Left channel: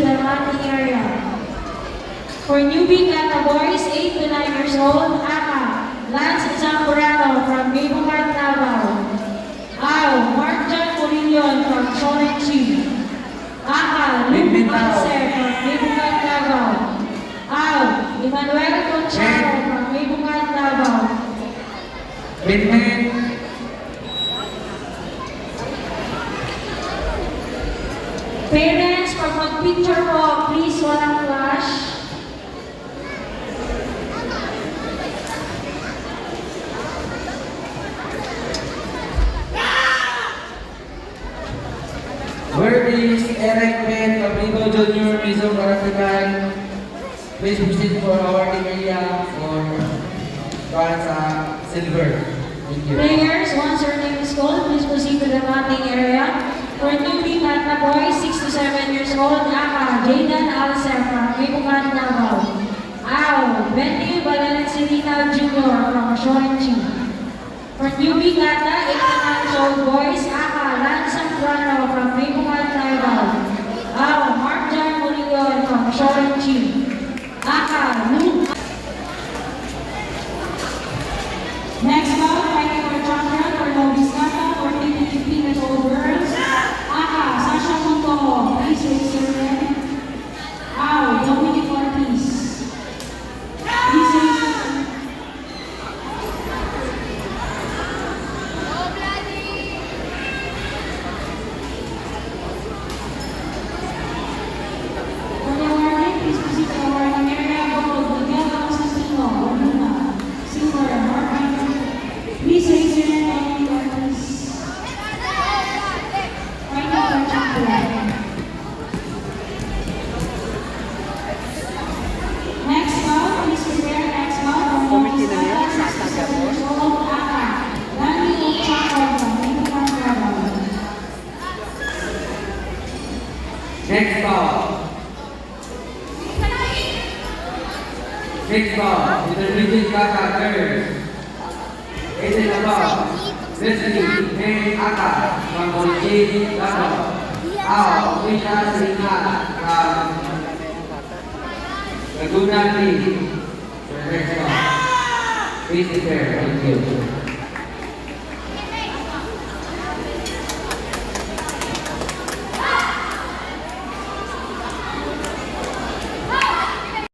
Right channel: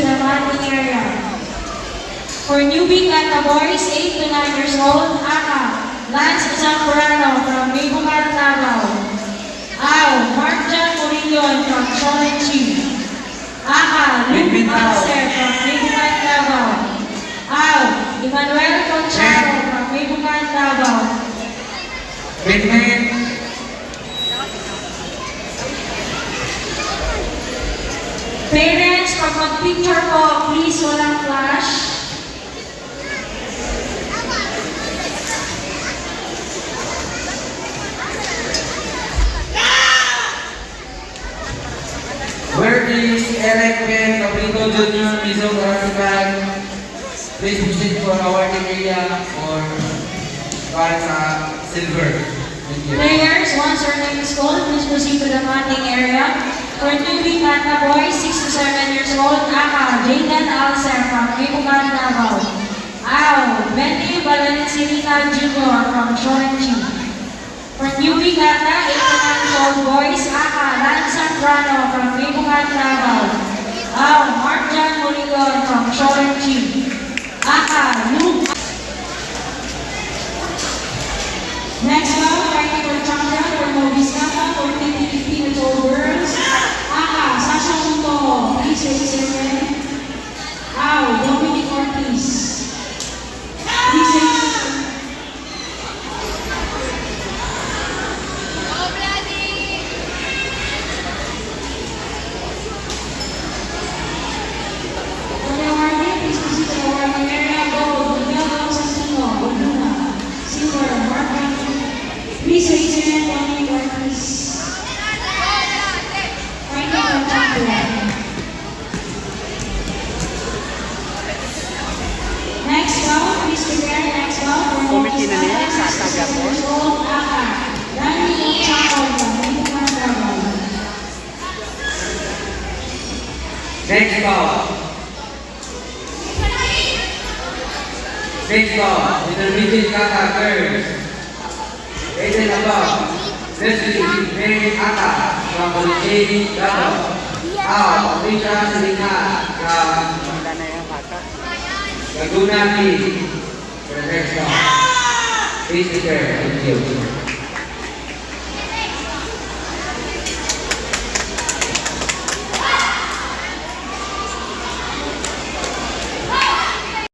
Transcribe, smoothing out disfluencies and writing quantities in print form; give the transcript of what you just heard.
to the Manning area. For newbie Kata boys, 8 to 9 years old, Aka, Lance Zambrano from Bibugan, Davao. Ao, Mark John Murillo from Solenchi. Aka, Luke Alcer from Bibugan, Davao. Ao, Emmanuel Concharo from Bibugan, Davao. Parents, pag mag-picture po, please walang flash. Where is Eric Pen, Cabrito Jr., Mizo Caratican? Please visit for awarding area or para sa silver. Thank you. Players, once your name is called, please proceed to the matting area. For newbie Kata boys, 6 to 7 years old, Aka, Jaden Alcer from Bibugan, Davao. Ao, Benny Valencinita Jr. from Solenchi. For newbie Kata, 8 to 9 years old boys, Aka, Lance Zambrano from Bibugan, Davao. Ao, Mark John Murillo from Solenchi. Aka, Luke. Next round, fighting for champion for Novice Kata for TPP and Old Girls. Aka, Sasha Muto, please raise your hand. Ao, Dominic Ortiz. Please raise your hand. For the awarding, please proceed to the awarding area. Gold, Miguel Santino, Oduna. Silver, Mark. Please raise your hand, Dominic Ortiz. Fighting for champion. Next round, please prepare next round for Novice Kata, 67 years old, Aka, Rani Chaco from Bibugan, Davao. Next ball. Next ball. Intermediate Kata girls. 8 above. Leslie May Ata from Bolivia, Davao. Ao, Rita Selina from Laguna Beach. For the next ball. Please prepare. Thank you.